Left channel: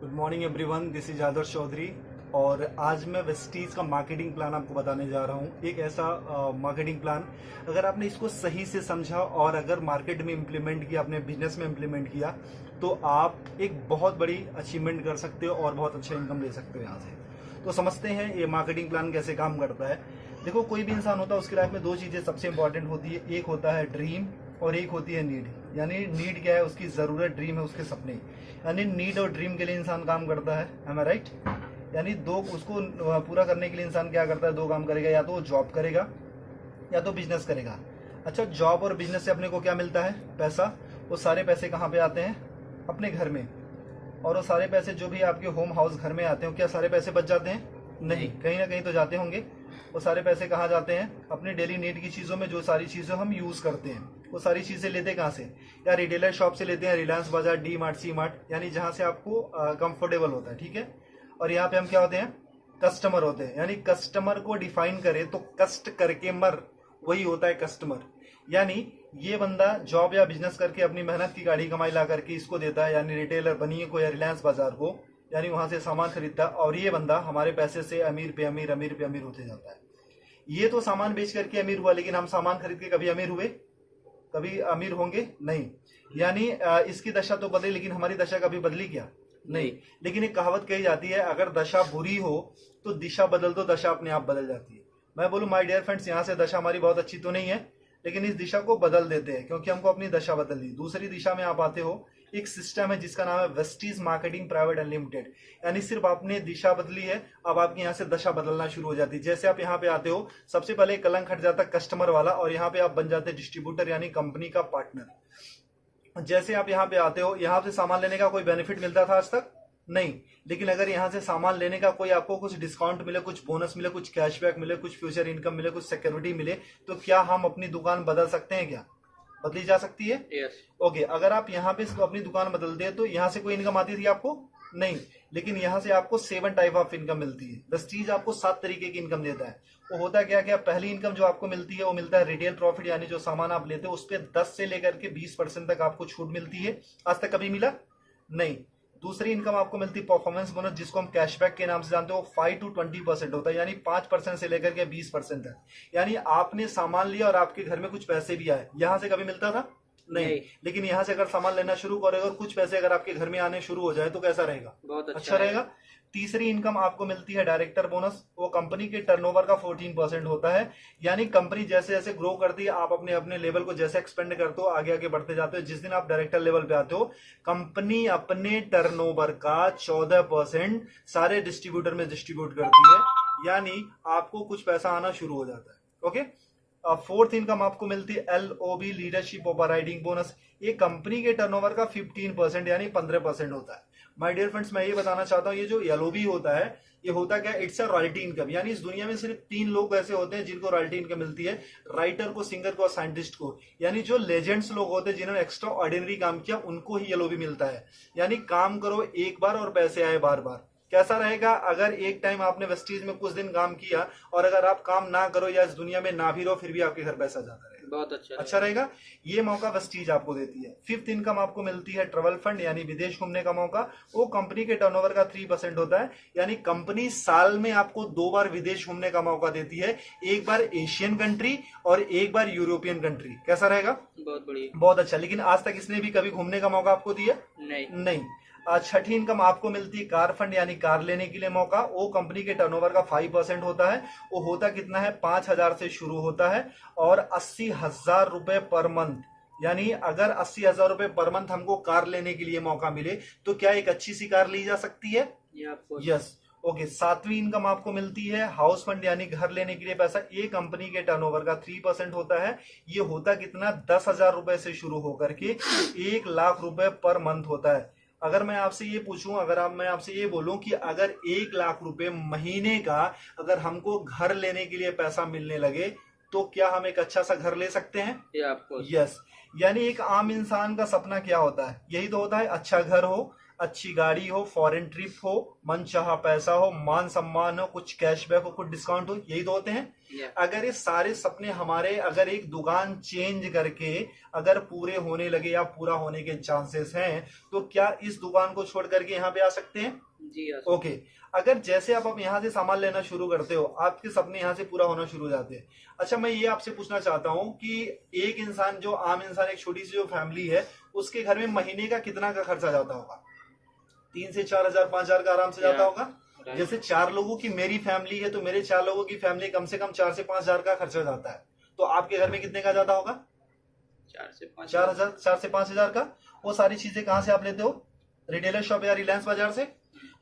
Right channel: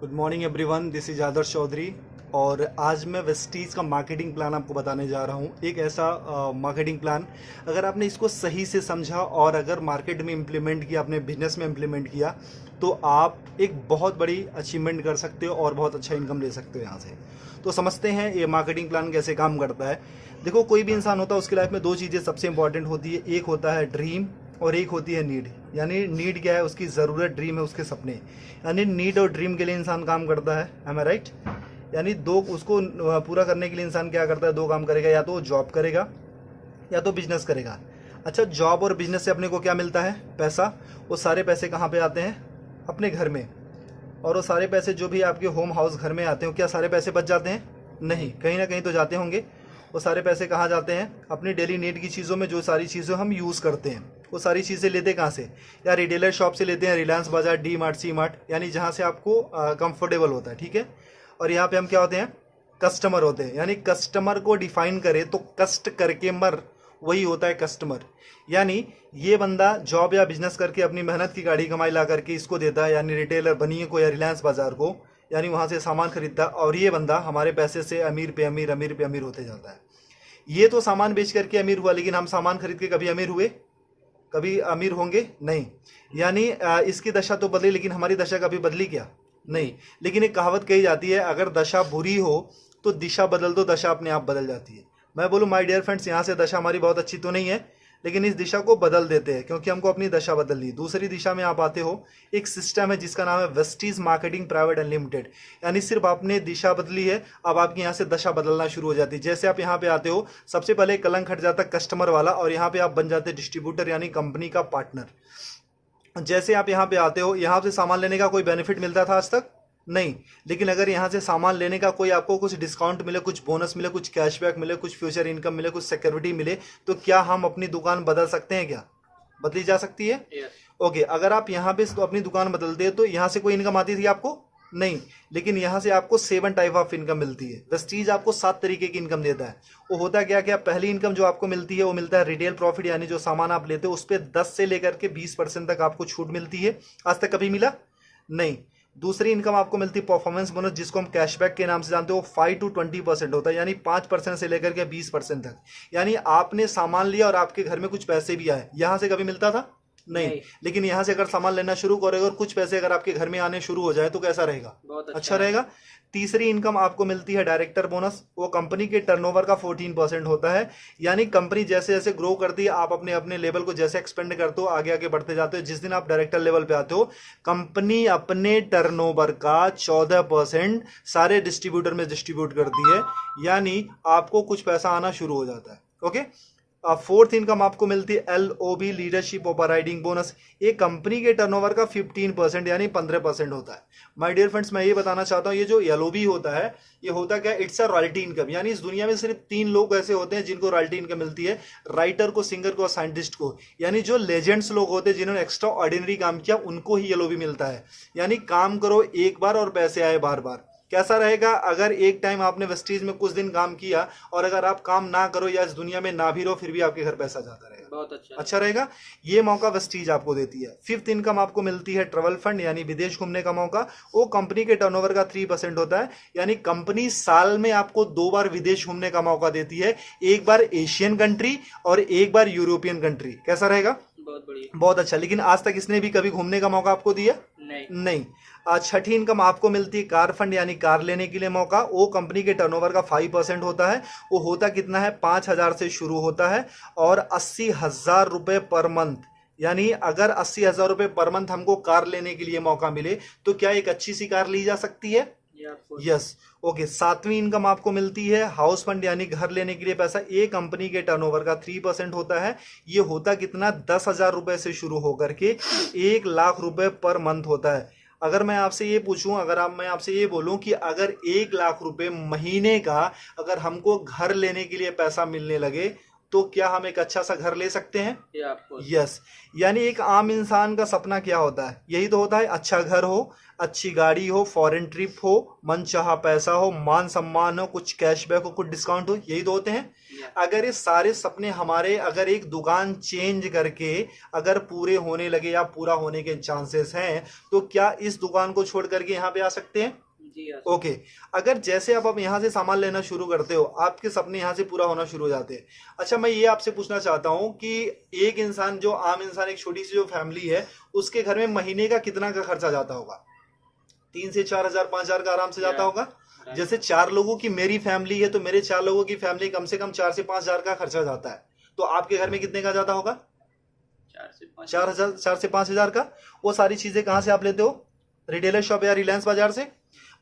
Good morning everyone, this is Adarsh Chaudhary. और आज मैं वेस्टीज का मार्केटिंग प्लान आपको बताने जा रहा हूँ। एक ऐसा मार्केटिंग प्लान, अगर आपने इसको सही से समझा और अगर मार्केट में इम्प्लीमेंट किया, अपने बिजनेस में इम्प्लीमेंट किया, तो आप एक बहुत बड़ी अचीवमेंट कर सकते हो और बहुत अच्छा इनकम ले सकते हो यहाँ से। तो समझते हैं ये मार्केटिंग प्लान कैसे काम करता है। देखो, कोई भी इंसान होता है, उसकी लाइफ में दो चीज़ें सबसे इंपॉर्टेंट होती है। एक होता है ड्रीम और एक होती है नीड। यानी नीड क्या है? उसकी ज़रूरत। ड्रीम है उसके सपने। यानी नीड और ड्रीम के लिए इंसान काम करता है। एम आई राइट? यानी दो, उसको पूरा करने के लिए इंसान क्या करता है? दो काम करेगा, या तो वो जॉब करेगा या तो बिजनेस करेगा। अच्छा, जॉब और बिजनेस से अपने को क्या मिलता है? पैसा। वो सारे पैसे कहाँ पे आते हैं? अपने घर में। और वो सारे पैसे जो भी आपके होम हाउस घर में आते हो, क्या सारे पैसे बच जाते हैं? नहीं, कहीं ना कहीं तो जाते होंगे। वो सारे पैसे कहाँ जाते हैं? अपनी डेली नीड की चीज़ों में। जो सारी चीज़ें हम यूज़ करते हैं, वो सारी चीज़ें लेते कहाँ से? या रिटेलर शॉप से लेते हैं, रिलायंस बाजार, डी मार्ट, सी मार्ट, यानी जहाँ से आपको कंफर्टेबल होता है। ठीक है। और यहाँ पे हम क्या होते हैं? कस्टमर होते हैं। यानी कस्टमर को डिफाइन करें तो कष्ट करके मर, वही होता है कस्टमर। यानी ये बंदा जॉब या बिजनेस करके अपनी मेहनत की गाड़ी कमाई ला करके इसको देता है, यानी रिटेलर बनिए को या रिलायंस बाजार को, यानी वहां से सामान खरीदता है। और ये बंदा हमारे पैसे से अमीर पे अमीर, अमीर पे अमीर होते जाता है। ये तो सामान बेच करके अमीर हुआ, लेकिन हम सामान खरीद के कभी अमीर हुए? कभी अमीर होंगे? नहीं। यानी इसकी दशा तो बदली, लेकिन हमारी दशा कभी बदली क्या? नहीं। लेकिन एक कहावत कही जाती है, अगर दशा बुरी हो तो दिशा बदल दो, दशा अपने आप बदल जाती है। मैं बोलूँ माय डियर फ्रेंड्स, यहाँ से दशा हमारी बहुत अच्छी तो नहीं है, लेकिन इस दिशा को बदल देते हैं, क्योंकि हमको अपनी दशा बदलनी। दूसरी दिशा में आप आते हो, एक सिस्टम है जिसका नाम है वेस्टीज मार्केटिंग प्राइवेट अनलिमिटेड। यानी सिर्फ आपने दिशा बदली है, अब आपकी यहाँ से दशा बदलना शुरू हो जाती है। जैसे आप यहाँ पे आते हो, सबसे पहले कलंक हट जाता कस्टमर वाला, और यहाँ पे आप बन जाते डिस्ट्रीब्यूटर, यानी कंपनी का पार्टनर। जैसे आप यहाँ पे आते हो, यहाँ से सामान लेने का कोई बेनिफिट मिलता था आज तक? नहीं। लेकिन अगर यहाँ से सामान लेने का कोई आपको कुछ डिस्काउंट मिले, कुछ बोनस मिले, कुछ कैशबैक मिले, कुछ फ्यूचर इनकम मिले, कुछ सिक्योरिटी मिले, तो क्या हम अपनी दुकान बदल सकते हैं? क्या बदली जा सकती है? यस। ओके। अगर आप यहाँ पे अपनी दुकान बदलते हैं तो यहाँ से कोई इनकम आती थी आपको? नहीं। लेकिन यहाँ से आपको 7 टाइप ऑफ इनकम मिलती है। वेस्टीज आपको 7 तरीके की इनकम देता है। वो होता क्या क्या? पहली इनकम जो आपको मिलती है वो मिलता है रिटेल प्रॉफिट, यानी जो सामान आप लेते हो उस पर 10 से लेकर के 20% तक आपको छूट मिलती है। आज तक कभी मिला? नहीं। दूसरी इनकम आपको मिलती है परफॉर्मेंस बोनस, जिसको हम कैशबैक के नाम से जानते हो। 5 to 20% होता है, यानी 5% से लेकर के 20% तक। यानी आपने सामान लिया और आपके घर में कुछ पैसे भी आए, यहां से कभी मिलता था? नहीं। लेकिन यहाँ से अगर सामान लेना शुरू करोगे और कुछ पैसे अगर आपके घर में आने शुरू हो जाए तो कैसा रहेगा? बहुत अच्छा रहेगा। तीसरी इनकम आपको मिलती है डायरेक्टर बोनस। वो कंपनी के टर्नओवर का 14% होता है। यानी कंपनी जैसे जैसे ग्रो करती है, आप अपने अपने लेवल को जैसे एक्सपेंड करते हो, आगे आगे बढ़ते जाते हो, जिस दिन आप डायरेक्टर लेवल पे आते हो, कंपनी अपने टर्नओवर का 14% सारे डिस्ट्रीब्यूटर में डिस्ट्रीब्यूट करती है। यानी आपको कुछ पैसा आना शुरू हो जाता है। ओके। फोर्थ इनकम आपको मिलती है LOB, leadership over riding bonus. एक कंपनी के टर्नओवर का 15%, यानी 15% होता है। माय डियर फ्रेंड्स, मैं ये बताना चाहता हूँ, ये जो LOB होता है, ये होता क्या? It's a royalty income. यानी इस दुनिया में सिर्फ 3 लोग ऐसे होते हैं जिनको रॉयल्टी इनकम मिलती है, राइटर को, सिंगर को और साइंटिस्ट को। यानी जो लेजेंड्स लोग होते हैं, जिन्होंने एक्स्ट्रा ऑर्डिनरी काम किया, उनको ही LOB मिलता है। यानी काम करो एक बार और पैसे आए बार बार। कैसा रहेगा अगर एक टाइम आपने वेस्टीज में कुछ दिन काम किया और अगर आप काम ना करो या इस दुनिया में ना भी रहो, फिर भी आपके घर पैसा जाता रहेगा? बहुत अच्छा रहेगा। ये मौका वेस्टीज आपको देती है। फिफ्थ इनकम आपको मिलती है ट्रेवल फंड, यानी विदेश घूमने का मौका। वो कंपनी के टर्नओवर का 3% होता है। यानी कंपनी साल में आपको 2 बार विदेश घूमने का मौका देती है, एक बार एशियन कंट्री और एक बार यूरोपियन कंट्री। कैसा रहेगा? बहुत बढ़िया। बहुत अच्छा। लेकिन आज तक इसने भी कभी घूमने का मौका आपको दिया? नहीं। छठी इनकम आपको मिलती है कार फंड, यानी कार लेने के लिए मौका। वो कंपनी के टर्नओवर का 5% होता है। वो होता कितना है? 5,000 से शुरू होता है और 80,000 रुपए पर मंथ। यानी अगर 80,000 रुपए पर मंथ हमको कार लेने के लिए मौका मिले तो क्या एक अच्छी सी कार ली जा सकती है? यस। ओके। सातवीं इनकम आपको मिलती है हाउस फंड, यानी घर लेने के लिए पैसा। एक कंपनी के टर्नओवर का 3% होता है। ये होता कितना? 10,000 रुपए से शुरू होकर के 1,00,000 रुपए पर मंथ होता है। अगर मैं आपसे ये पूछूं, मैं आपसे ये बोलूं कि अगर 1,00,000 रुपए महीने का अगर हमको घर लेने के लिए पैसा मिलने लगे, तो क्या हम एक अच्छा सा घर ले सकते हैं? या आपको यस। यानी एक आम इंसान का सपना क्या होता है? यही तो होता है, अच्छा घर हो, अच्छी गाड़ी हो, फॉरेन ट्रिप हो, मनचाहा पैसा हो, मान सम्मान हो, कुछ कैशबैक हो, कुछ डिस्काउंट हो, यही तो होते हैं। या अगर ये सारे सपने हमारे अगर एक दुकान चेंज करके अगर पूरे होने लगे या पूरा होने के चांसेस हैं, तो क्या इस दुकान को छोड़ करके यहाँ पे आ सकते हैं? जी या ओके। अगर जैसे आप यहाँ से सामान लेना शुरू करते हो, आपके सपने यहाँ से पूरा होना शुरू हो जाते हैं। अच्छा, मैं ये आपसे पूछना चाहता हूँ कि एक इंसान, जो आम इंसान, एक छोटी सी जो फैमिली है, उसके घर में महीने का कितना का खर्चा जाता होगा? 3 से 4 हजार, 5 हजार का आराम से जाता या होगा। राइट। जैसे 4 लोगों की मेरी फैमिली है, तो मेरे 4 लोगों की फैमिली कम से कम 4 से 5 हजार का खर्चा जाता है। तो आपके घर में कितने का जाता होगा? 4 से 5 4 हजार, 4 से 5 हजार का। वो सारी चीजें कहाँ से आप लेते हो? रिटेलर शॉप या रिलायंस बाजार से।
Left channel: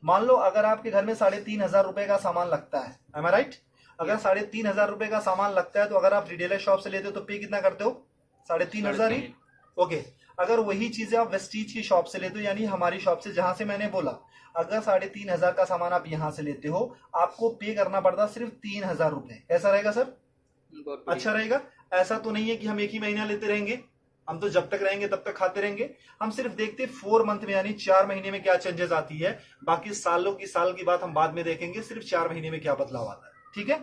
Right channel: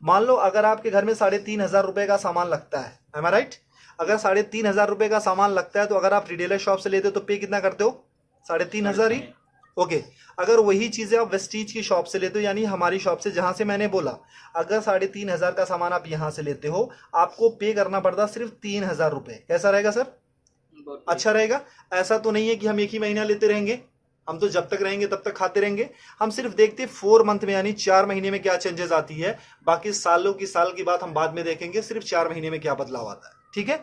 मान लो अगर आपके घर में 3,500 रुपए का सामान लगता है, एम आई राइट? अगर 3,500 रुपए का सामान लगता है, तो अगर आप रिटेलर शॉप से लेते हो तो पे कितना करते हो? 3,500 ही। 3.5। ओके। अगर वही चीजें आप वेस्टीज की शॉप से लेते हो, यानी हमारी शॉप से, जहां से मैंने बोला, अगर 3,500 का सामान आप यहां से लेते हो, आपको पे करना पड़ता सिर्फ 3,000 रुपए। कैसा रहेगा सर? बहुत अच्छा रहेगा। ऐसा तो नहीं है कि हम एक ही महीना लेते रहेंगे, हम तो जब तक रहेंगे तब तक खाते रहेंगे। हम सिर्फ देखते 4 मंथ में, यानी 4 महीने में क्या चेंजेस आती है। बाकी सालों की साल की बात हम बाद में देखेंगे, सिर्फ 4 महीने में क्या बदलाव आता है। ठीक है।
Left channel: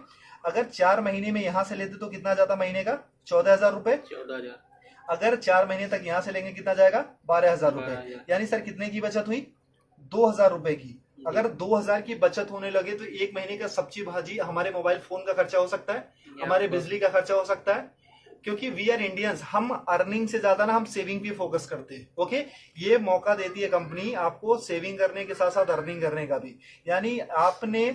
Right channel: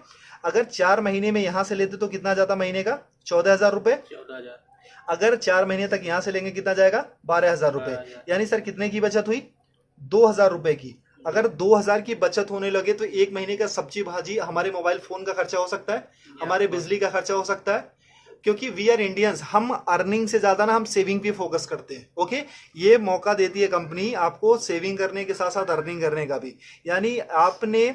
अगर 4 महीने में यहां से लेते तो कितना जाता महीने का? 14,000 रुपए। 14,000। अगर 4 महीने तक यहां से लेंगे, कितना जाएगा? 12,000 रुपए। 12,000। यानी सर कितने की बचत हुई? 2,000 रुपए की। अगर 2,000 की बचत होने लगे, तो एक महीने का सब्जी भाजी, हमारे मोबाइल फोन का खर्चा हो सकता है, हमारे बिजली का खर्चा हो सकता है। क्योंकि वी आर इंडियंस, हम अर्निंग से ज्यादा ना हम सेविंग पे फोकस करते हैं। ओके। ये मौका देती है कंपनी आपको सेविंग करने के साथ साथ अर्निंग करने का भी। यानी आपने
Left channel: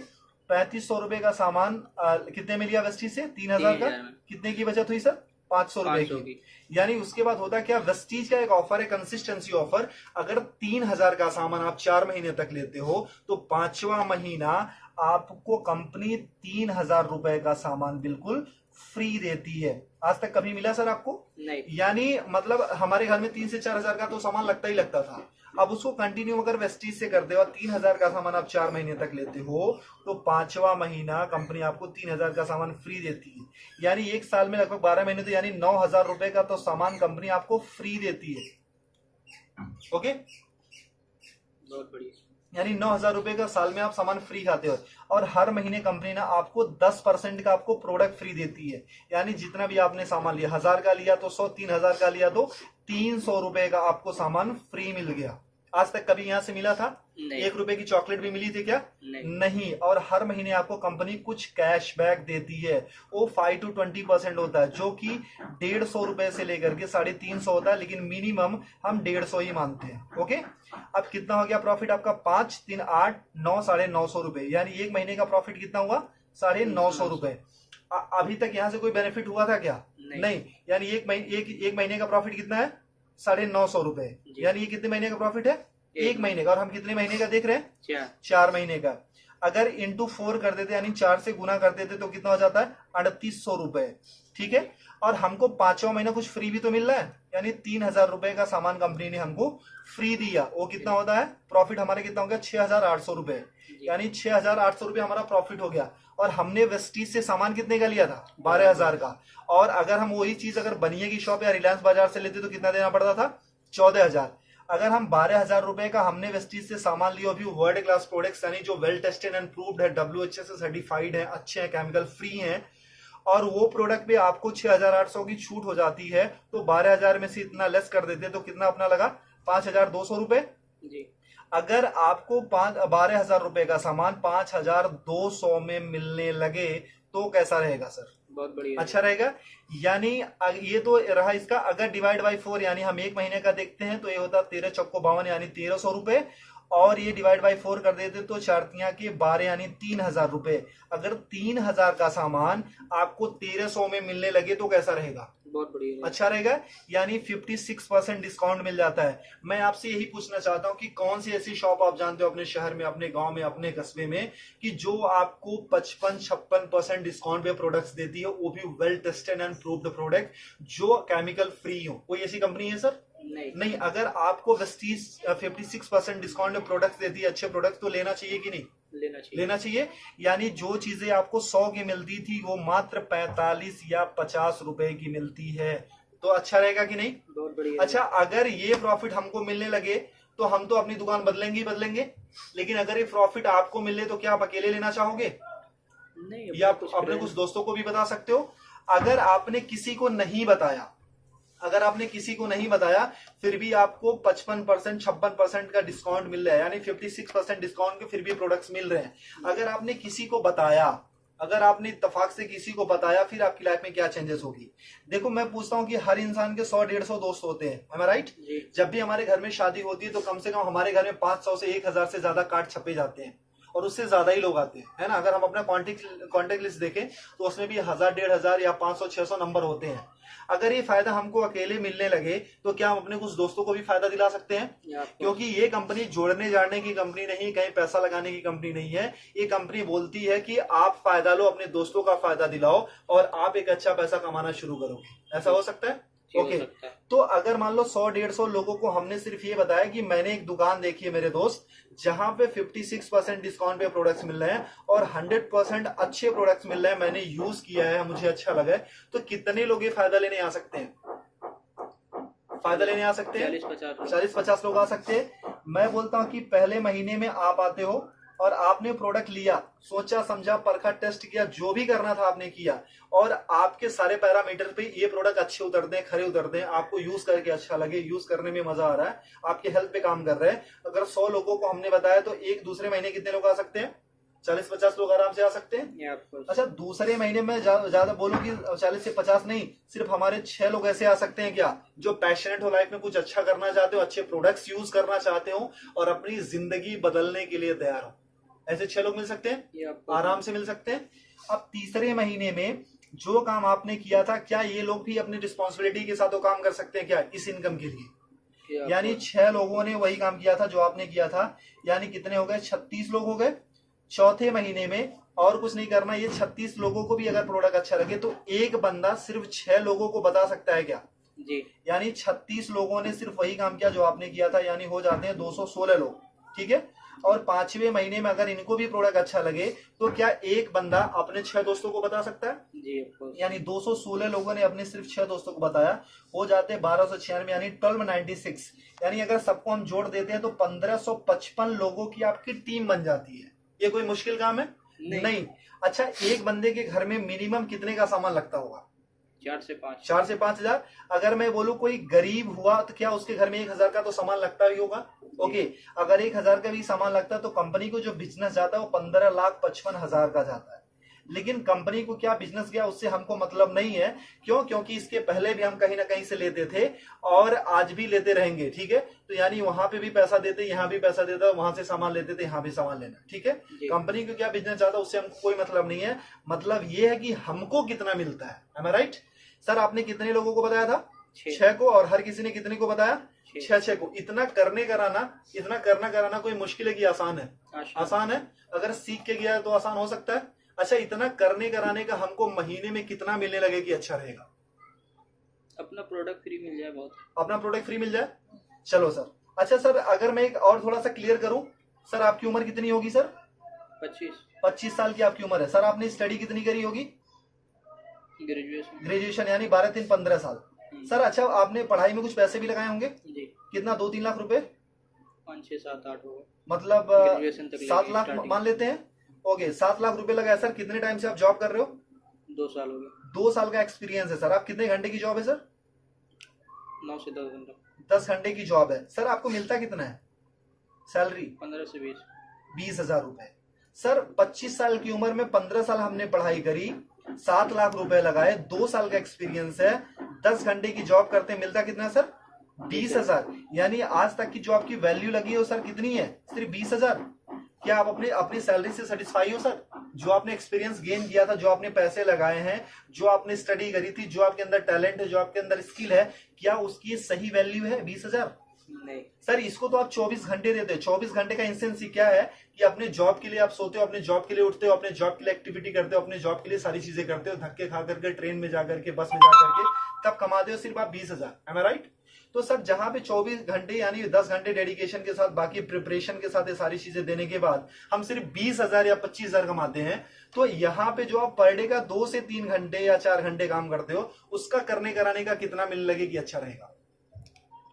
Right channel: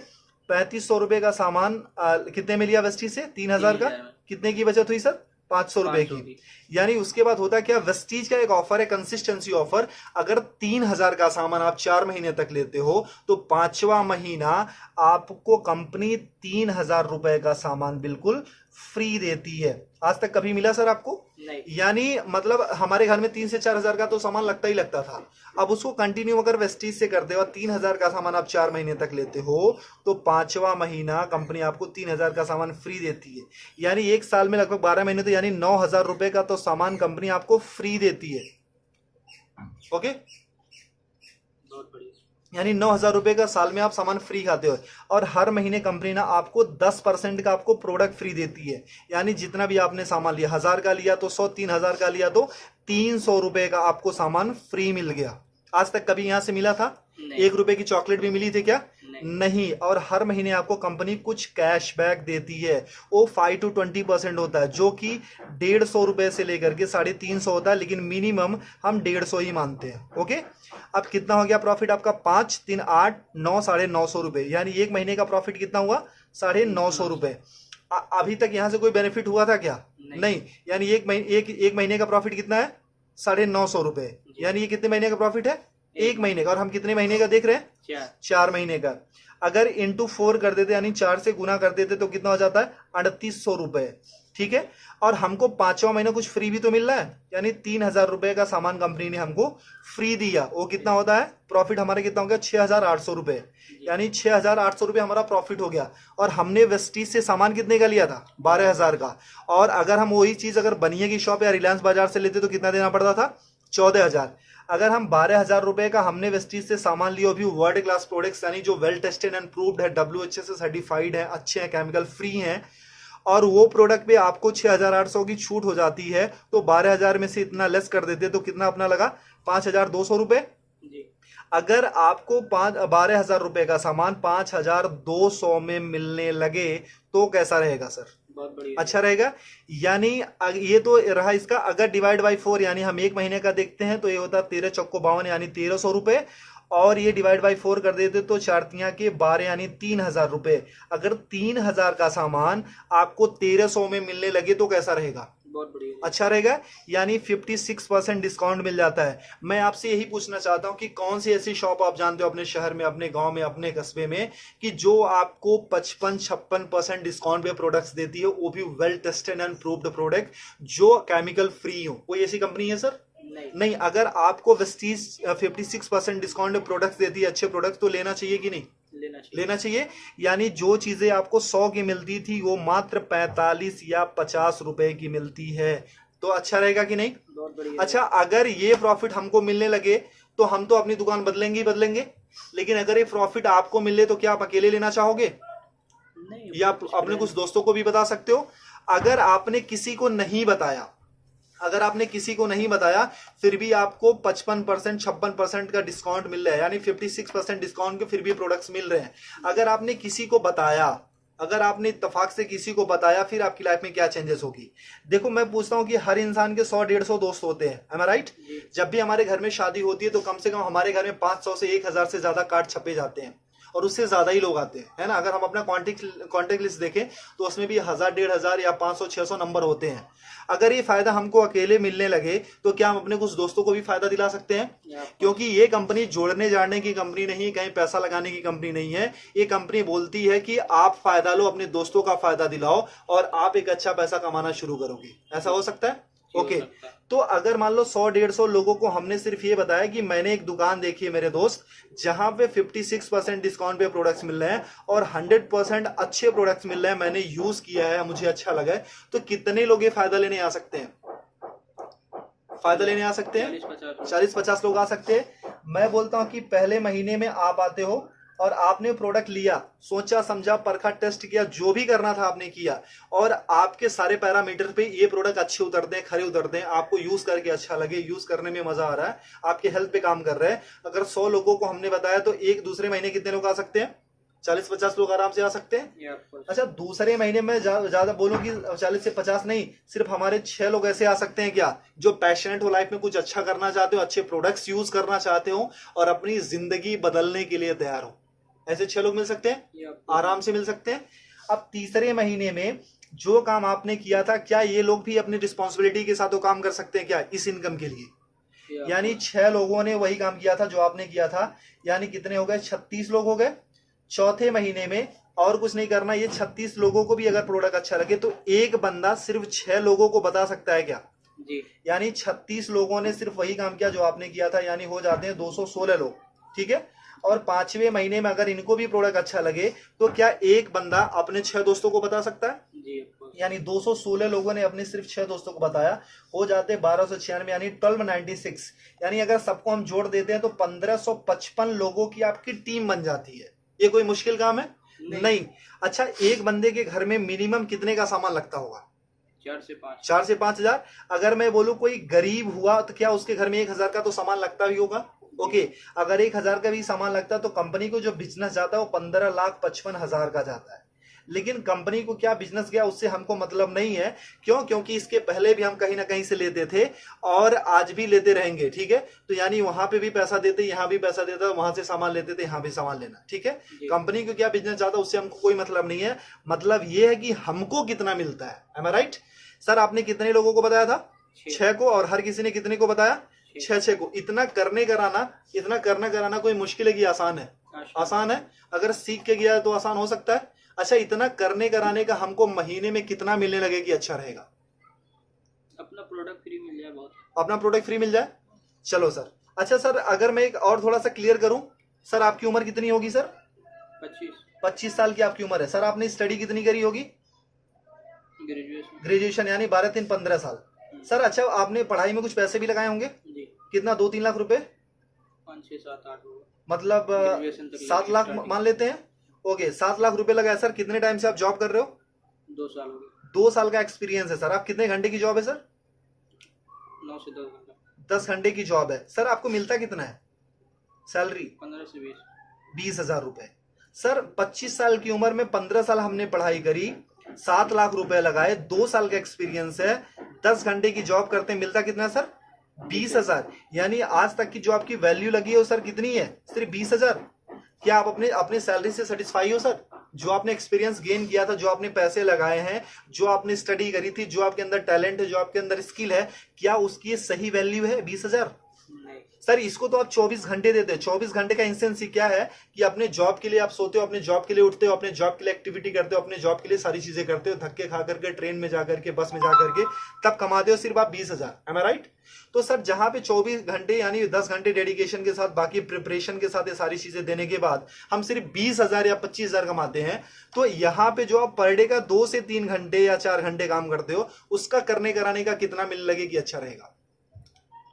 3,500 रुपए का सामान कितने में लिया वेस्टी से? 3,000 का। 3,000 में। कितने की बचत हुई सर? 500 रुपए 500 की। की। यानी उसके बाद होता क्या, वेस्टीज का एक ऑफर है, कंसिस्टेंसी ऑफर। अगर 3,000 का सामान आप 4 महीने तक लेते हो, तो 5वां महीना आपको कंपनी 3,000 रुपए का सामान बिल्कुल फ्री देती है। आज तक कभी मिला सर आपको? नहीं। यानी मतलब हमारे घर में 3 से 4 हजार का तो सामान लगता ही लगता था। अब उसको कंटिन्यू अगर वेस्टीज से करते हो, 3,000 का सामान आप 4 महीने तक लेते हो, तो 5वां महीना कंपनी आपको 3,000 का सामान फ्री देती है। यानी एक साल में लगभग 12 महीने, तो यानी 9,000 रुपए का तो सामान कंपनी आपको फ्री देती है। ओके। बहुत बढ़िया। यानी 9,000 रुपए का साल में आप सामान फ्री खाते हो। और हर महीने कंपनी ना आपको 10% का आपको प्रोडक्ट फ्री देती है। यानी जितना भी आपने सामान लिया, 1,000 का लिया तो 100, 3,000 का लिया तो 300 रुपए का आपको सामान फ्री मिल गया। आज तक कभी यहां से मिला था? नहीं। 1 रुपए की चॉकलेट भी मिली थी क्या? नहीं। नहीं। और हर महीने आपको कंपनी कुछ कैशबैक देती है। वो 5 to 20% होता है, जो कि 150 रुपए से लेकर के 350 होता है, लेकिन मिनिमम हम 150 ही मानते हैं। ओके। अब कितना हो गया प्रॉफिट आपका? 5, 3, 8, 9, 950 रुपए। यानी एक महीने का प्रॉफिट कितना हुआ? 950 रुपए। अभी तक यहां से कोई बेनिफिट हुआ था क्या? नहीं। यानी एक महीने का प्रॉफिट कितना है? 950 रुपए। जी। यानी ये कितने महीने का प्रॉफिट है? एक एक महीने का। और हम कितने महीने का देख रहे हैं? 4। 4 महीने का। अगर इंटू 4 कर देते, यानी 4 से गुना कर देते, तो कितना हो जाता है? 3,800 रुपए। ठीक है। और हमको 5वां महीना कुछ फ्री भी तो मिल रहा है, यानी 3,000 रुपए का सामान कंपनी ने हमको फ्री दिया। वो कितना होता है? प्रॉफिट हमारा कितना हो गया? 6,800 रुपए। यानी 6,800 रुपए हमारा प्रॉफिट हो गया। और हमने वेस्टीज से सामान कितने का लिया था? 12,000 का। और अगर हम वही चीज अगर बनिए की शॉप या रिलायंस बाजार से लेते तो कितना देना पड़ता था? 14,000। अगर हम 12,000 रुपए का हमने वेस्टीज से सामान लिया, भी वर्ल्ड क्लास प्रोडक्ट्स, यानी जो वेल टेस्टेड एंड प्रूव्ड है, WHA से सर्टिफाइड है, अच्छे हैं, केमिकल फ्री हैं, और वो प्रोडक्ट पे आपको 6,800 की छूट हो जाती है, तो 12,000 में से इतना लेस कर देते तो कितना अपना लगा? 5,200 रुपए। जी। अगर आपको 12,000 रुपए का सामान 5,200 में मिलने लगे, तो कैसा रहेगा सर? बहुत बढ़िया। अच्छा रहेगा। यानी ये तो रहा इसका। अगर डिवाइड बाई 4, यानी हम एक महीने का देखते हैं, तो ये होता है 13 चौको 52, यानी 1,300 रुपए। और ये डिवाइड बाई 4 कर देते तो 4 के 12, यानी 3,000 रुपए। अगर 3,000 का सामान आपको 1,300 में मिलने लगे, तो कैसा रहेगा? बहुत बढ़िया। अच्छा रहेगा। यानी 56% डिस्काउंट मिल जाता है। मैं आपसे यही पूछना चाहता हूं कि कौन सी ऐसी शॉप आप जानते हो अपने शहर में, अपने गांव में, अपने कस्बे में, कि जो आपको 55-56% डिस्काउंट पे प्रोडक्ट्स देती है, वो भी well tested and proved product, जो केमिकल फ्री हो? कोई ऐसी कंपनी है सर? नहीं नहीं, अगर आपको वेस्टीज 56% डिस्काउंट में प्रोडक्ट्स देती है, अच्छे प्रोडक्ट्स, तो लेना चाहिए कि नहीं? लेना चाहिए। लेना चाहिए। यानी जो चीजें आपको 100 की मिलती थी वो मात्र 45 या 50 रुपए की मिलती है, तो अच्छा रहेगा कि नहीं? बहुत बढ़िया। अच्छा, अगर ये प्रॉफिट हमको मिलने लगे तो हम तो अपनी दुकान बदलेंगे ही बदलेंगे, लेकिन अगर ये प्रॉफिट आपको मिले तो क्या आप अकेले लेना चाहोगे? नहीं, या आप अपने कुछ दोस्तों को भी बता सकते हो। अगर आपने किसी को नहीं बताया, अगर आपने किसी को नहीं बताया फिर भी आपको 55% 56% का डिस्काउंट मिल रहा है, यानी 56% डिस्काउंट के फिर भी प्रोडक्ट्स मिल रहे हैं। अगर आपने किसी को बताया, अगर आपने इत्तेफाक से किसी को बताया, फिर आपकी लाइफ में क्या चेंजेस होगी? देखो, मैं पूछता हूं कि हर इंसान के 100-150 दोस्त होते हैं, am I right? जब भी हमारे घर में शादी होती है तो कम से कम हमारे घर में 500 से 1000 से ज्यादा कार्ड छपे जाते हैं, और उससे ज्यादा ही लोग आते हैं, है ना? अगर हम अपना कॉन्टेक्ट लिस्ट देखें तो उसमें भी 1000-1500 या 500-600 नंबर होते हैं। अगर ये फायदा हमको अकेले मिलने लगे तो क्या हम अपने कुछ दोस्तों को भी फायदा दिला सकते हैं? क्योंकि ये कंपनी जोड़ने जाने की कंपनी नहीं, कहीं पैसा लगाने की कंपनी नहीं है। ये कंपनी बोलती है कि आप फायदा लो, अपने दोस्तों का फायदा दिलाओ और आप एक अच्छा पैसा कमाना शुरू करोगे। ऐसा हो सकता है? ओके, तो अगर मान लो 100-150 लोगों को हमने सिर्फ ये बताया कि मैंने एक दुकान देखी है मेरे दोस्त, जहां पे 56% डिस्काउंट पे प्रोडक्ट्स मिल रहे हैं और 100% अच्छे प्रोडक्ट्स मिल रहे हैं, मैंने यूज किया है, मुझे अच्छा लगा है, तो कितने लोग ये फायदा लेने आ सकते हैं? फायदा लेने आ सकते हैं 40-50 लोग आ सकते हैं। मैं बोलता हूं कि पहले महीने में आप आते हो और आपने प्रोडक्ट लिया, सोचा समझा, परखा, टेस्ट किया, जो भी करना था आपने किया, और आपके सारे पैरामीटर पे ये प्रोडक्ट अच्छे उतरते हैं, खरे उतरते हैं, आपको यूज करके अच्छा लगे, यूज करने में मजा आ रहा है, आपके हेल्थ पे काम कर रहे हैं। अगर 100 लोगों को हमने बताया तो एक दूसरे महीने कितने लोग आ सकते हैं? 40-50 लोग आराम से आ सकते हैं। अच्छा, दूसरे महीने में ज्यादा बोलूं कि 40 से 50 नहीं, सिर्फ हमारे 6 लोग ऐसे आ सकते हैं क्या, जो पैशनेट हो, लाइफ में कुछ अच्छा करना चाहते हो, अच्छे प्रोडक्ट्स यूज करना चाहते हो और अपनी जिंदगी बदलने के लिए तैयार हो। ऐसे 6 लोग मिल सकते हैं, आराम से मिल सकते हैं। अब तीसरे महीने में जो काम आपने किया था, क्या ये लोग भी अपनी रिस्पॉन्सिबिलिटी के साथ वो काम कर सकते हैं क्या इस इनकम के लिए? यानी 6 लोगों ने वही काम किया था जो आपने किया था, यानी कितने हो गए? 36 लोग हो गए। चौथे महीने में और कुछ नहीं करना, ये 36 लोगों को भी अगर प्रोडक्ट अच्छा लगे तो एक बंदा सिर्फ 6 लोगों को बता सकता है क्या? जी। यानी 36 लोगों ने सिर्फ वही काम किया जो आपने किया था, यानी हो जाते हैं 216 लोग, ठीक है? और 5वें महीने में अगर इनको भी प्रोडक्ट अच्छा लगे तो क्या एक बंदा अपने 6 दोस्तों को बता सकता है? जी, यानी 216 लोगों ने अपने सिर्फ 6 दोस्तों को बताया, हो जाते 1296, यानी 1296। यानी अगर सबको हम जोड़ देते हैं तो 1555 लोगों की आपकी टीम बन जाती है। ये कोई मुश्किल काम है? नहीं। अच्छा, एक बंदे के घर में मिनिमम कितने का सामान लगता होगा? 4 से 5 हजार। अगर मैं बोलूं कोई गरीब हुआ तो क्या उसके घर में 1000 का तो सामान लगता भी होगा? ओके, अगर 1000 का भी सामान लगता है तो कंपनी को जो बिजनेस जाता है वो 15,55,000 का जाता है। लेकिन कंपनी को क्या बिजनेस गया उससे हमको मतलब नहीं है। क्यों? क्योंकि इसके पहले भी हम कहीं ना कहीं से लेते थे और आज भी लेते रहेंगे, ठीक है? तो यानी वहां पे भी पैसा देते, यहाँ भी पैसा देता, वहां से सामान लेते थे, यहाँ भी सामान लेना, ठीक है? कंपनी को क्या बिजनेस जाता है उससे हमको कोई मतलब नहीं है। मतलब ये है कि हमको कितना मिलता है। एम आई राइट? सर, आपने कितने लोगों को बताया था? 6 को। और हर किसी ने कितने को बताया? 6 को। इतना करना कराना कोई मुश्किल है कि आसान है? आसान है। अगर सीख के गया तो आसान हो सकता है। अच्छा, इतना करने कराने का हमको महीने में कितना मिलने लगे कि अच्छा रहेगा? अपना प्रोडक्ट फ्री मिल जाए, बहुत। अपना प्रोडक्ट फ्री मिल जाए, चलो सर। अच्छा सर, अगर मैं एक और थोड़ा सा क्लियर करूं, सर आपकी उम्र कितनी होगी सर? 25 साल की आपकी उम्र है। सर, आपने स्टडी कितनी करी होगी? ग्रेजुएशन, यानी 12-3-15 साल। सर, अच्छा, आपने पढ़ाई में कुछ पैसे भी लगाए होंगे? जी। कितना? 2-3 लाख रुपए? 5-6-7-8 होगा, मतलब 7 लाख मान लेते हैं। ओके, 7 लाख रुपए लगाया। सर, कितने टाइम से आप जॉब कर रहे हो? 2 साल हो गए। 2 साल का एक्सपीरियंस है सर। आप कितने घंटे की जॉब है सर? 9 से 10 घंटा। 10 घंटे की जॉब है। सर, आपको मिलता कितना है सैलरी? 15 से 20 हजार रुपए। सर, 25 साल की उम्र में 15 साल हमने पढ़ाई करी, 7 लाख रुपए लगाए, 2 साल का एक्सपीरियंस है, 10 घंटे की जॉब करते, मिलता कितना सर? 20 हजार। यानी आज तक की जो आपकी वैल्यू लगी है वो सर कितनी है? सिर्फ 20 हजार। क्या आप अपनी सैलरी से सेटिस्फाई हो सर? जो आपने एक्सपीरियंस गेन किया था, जो आपने पैसे लगाए हैं, जो आपने स्टडी करी थी, जो आपके अंदर टैलेंट है, जो आपके अंदर स्किल है, क्या उसकी सही वैल्यू है 20 हजार? नहीं सर इसको तो आप 24 घंटे देते हो। 24 घंटे का इंसेंस क्या है कि अपने जॉब के लिए आप सोते हो, अपने जॉब के लिए उठते हो, अपने जॉब के लिए एक्टिविटी करते हो, अपने जॉब के लिए सारी चीजें करते हो, धक्के खा करके, ट्रेन में जाकर के, बस में जाकर के, तब कमाते हो सिर्फ आप 20,000। एम आई राइट? तो सर जहां पे 24 घंटे यानी 10 घंटे डेडिकेशन के साथ, बाकी प्रिपरेशन के साथ ये सारी चीजें देने के बाद हम सिर्फ 20,000 या 25,000 कमाते हैं, तो यहाँ पे जो आप पर डे का 2 से 3 घंटे या 4 घंटे काम करते हो, उसका करने कराने का कितना मिल लगे कि अच्छा रहेगा?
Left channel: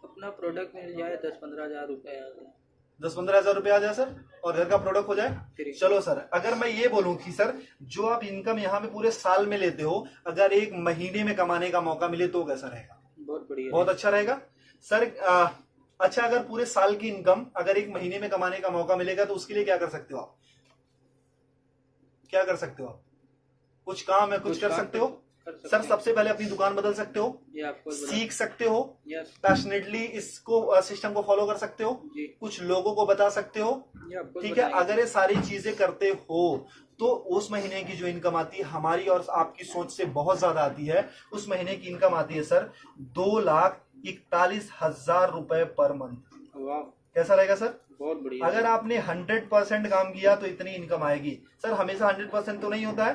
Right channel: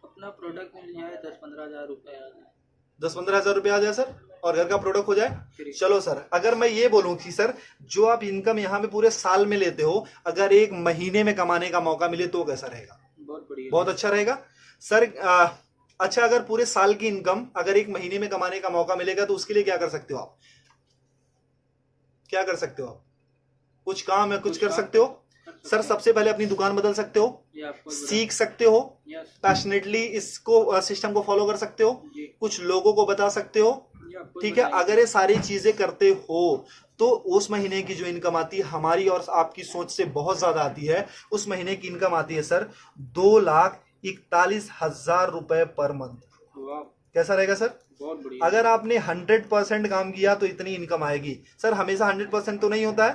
अपना प्रोडक्ट मिल जाए 10-15 हजार रुपए आ जाए। 10-15 हजार रुपए आ जाए सर, और घर का प्रोडक्ट हो जाए। फ्री। चलो सर, अगर मैं ये बोलूं कि सर जो आप इनकम यहाँ पे पूरे साल में लेते हो, अगर एक महीने में कमाने का मौका मिले तो कैसा रहेगा? बहुत बढ़िया, बहुत अच्छा रहेगा सर। अच्छा, अगर पूरे साल की इनकम अगर एक महीने में कमाने का मौका मिलेगा तो उसके लिए क्या कर सकते हो आप? क्या कर सकते हो आप? कुछ काम है, कुछ कर सकते हो सर। सबसे पहले अपनी दुकान बदल सकते हो, सीख सकते हो, पैशनेटली इसको सिस्टम को फॉलो कर सकते हो, कुछ लोगों को बता सकते हो, ठीक है। अगर ये सारी चीजें करते हो तो उस महीने की जो इनकम आती है हमारी और आपकी सोच से बहुत ज्यादा आती है। उस महीने की इनकम आती है सर 2,41,000 रुपए पर मंथ। कैसा रहेगा सर? बहुत बढ़िया। अगर आपने 100% काम किया तो इतनी इनकम आएगी सर। हमेशा 100% तो नहीं होता है,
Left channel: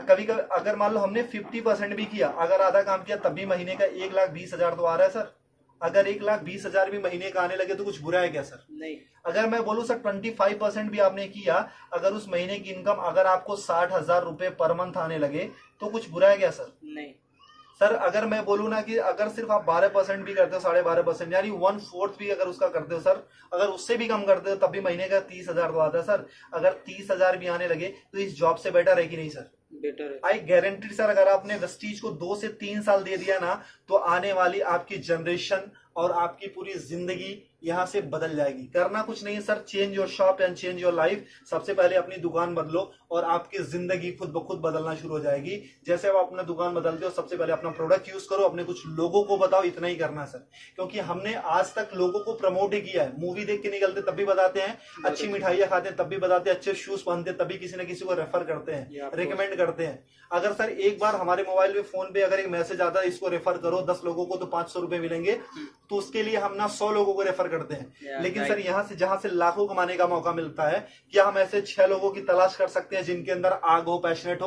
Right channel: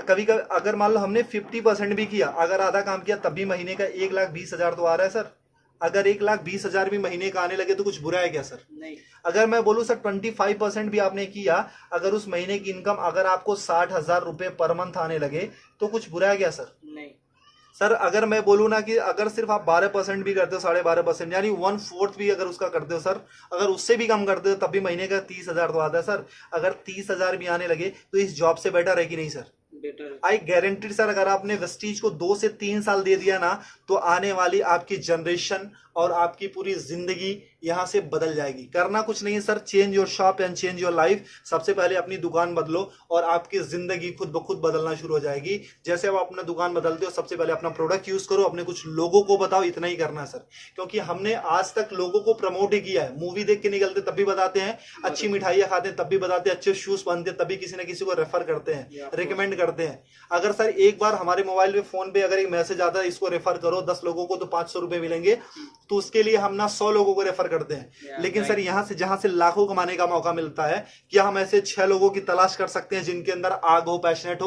कभी कभी अगर मान लो हमने 50% भी किया, अगर आधा काम किया, तब भी महीने का 1,20,000 तो आ रहा है सर। अगर 1,20,000 भी महीने का आने लगे तो कुछ बुरा है क्या सर? नहीं। अगर मैं बोलूं सर 25% भी आपने किया, अगर उस महीने की इनकम अगर आपको 60,000 रुपए पर मंथ आने लगे तो कुछ बुरा है क्या सर? नहीं सर अगर मैं बोलूं ना कि अगर सिर्फ आप 12% भी करते हो, 12.5% यानी 1/4 भी अगर उसका करते हो सर, अगर उससे भी कम करते हो तब भी महीने का 30,000 तो आता है सर। अगर 30,000 भी आने लगे तो इस जॉब से बेटर है कि नहीं सर? बेटर है। आई गारंटी सर, अगर आपने वेस्टीज को 2 से 3 साल दे दिया ना तो आने वाली आपकी जनरेशन और आपकी पूरी जिंदगी यहां से बदल जाएगी। करना कुछ नहीं है sir, change your shop and change your life. सबसे पहले अपनी दुकान बदलो और आपकी जिंदगी खुद ब खुद बदलना शुरू हो जाएगी। जैसे आप अपना दुकान बदलते हो, सबसे पहले अपना प्रोडक्ट यूज करो, अपने कुछ लोगों को बताओ, इतना ही करना है सर। क्योंकि हमने आज तक लोगों को प्रमोट ही किया है। मूवी देख के निकलते तब भी बताते हैं, अच्छी मिठाइयां खाते हैं तब भी बताते हैं, अच्छे शूज पहनते हैं तभी किसी न किसी को रेफर करते हैं, रिकमेंड करते हैं। अगर सर एक बार हमारे मोबाइल पे, फोन पे अगर एक मैसेज आता है इसको रेफर करो 10 लोगों को तो 500 रुपए मिलेंगे, तो उसके लिए हम ना 100 लोगों को रेफर करते हैं। लेकिन सर यहाँ से जहां से लाखों कमाने का मौका मिलता है, क्या हम ऐसे 6 लोगों की तलाश कर सकते हैं जिनके अंदर आग हो, पैशनेट हो?